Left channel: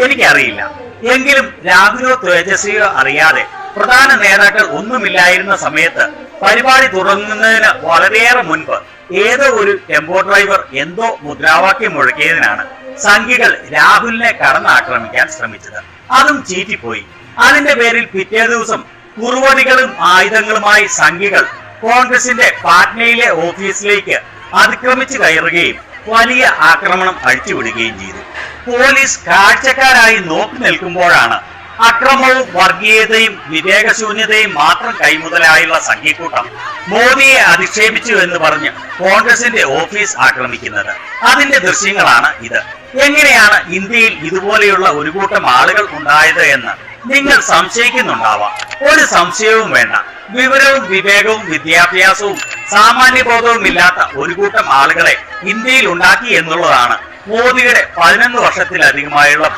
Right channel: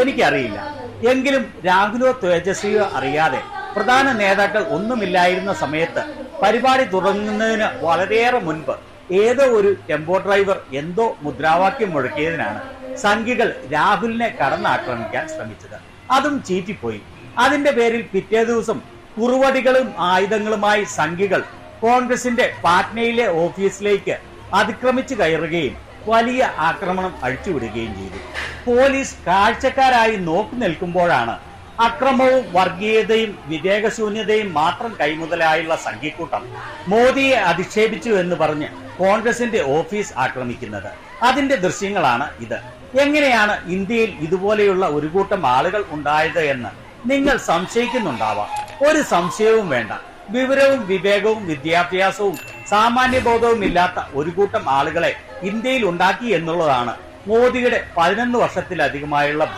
എനിക്കറിയില്ല. എങ്കിലും രാഹുലോ തേജസ്വിയോ അറിയാതെ പ്രധാന നേതാക്കൾ ഒന്നുമില്ലായിരുന്ന സമയത്ത് പരിപാടി തുടങ്ങുന്നതിന് വളരെയേറെ മുൻപ് ഏതോ ഒരു ടെമ്പോ ഡ്രൈവർ എന്തോ മുദ്രാവാക്യം മുഴക്കിയതിനാണ് സംഘികൾ രാഹുലിനെ കടന്നാക്രമിക്കാൻ ശ്രമിച്ചത്. അതും ചീറ്റിപ്പോയി. അതിന്റെ പേരിൽ പിറ്റേ ദിവസം കുറുവടികളും ആയുധങ്ങളുമായി സംഘികൾ കോൺഗ്രസിന്റെ പാട്നയിലെ ഓഫീസിലേക്ക് അതിക്രമിച്ചു കയറുകയും വലിയ ആക്രമണം അഴിച്ചുവിടുകയും ചെയ്തു. പോലീസ് കാഴ്ചക്കാരായി നോക്കി നിൽക്കുമ്പോഴാണ് അക്രമവും വർഗീയതയും വിവേകശൂന്യതയും മാത്രം കൈമുതലായുള്ള സംഘിക്കൂട്ടം മോദിയെ അധിക്ഷേപിച്ചു എന്ന് പറഞ്ഞ് കോൺഗ്രസിന്റെ ഓഫീസ് ആക്രമിക്കുന്നത്. അതിന്റെ ദൃശ്യങ്ങളാണ് ഇത്. എങ്ങനെയാണ് ഇന്ത്യയിൽ ഇതുപോലെയുള്ള ഒരു കൂട്ടം ആളുകൾ ഉണ്ടായത് എന്ന് നിങ്ങൾ സംശയിക്കുന്നുണ്ടാവാം. ഒരു സംശയവും വേണ്ട. വിവരവും വിവേകവും വിദ്യാഭ്യാസവും സാമാന്യബോധവും ഇല്ലാത്ത ഒരു കൂട്ടം ആളുകളെ ഇന്ത്യയിൽ ഉണ്ടാക്കി എന്നുള്ളതാണ് മോദിയുടെ 11 വർഷത്തിലധികമായുള്ള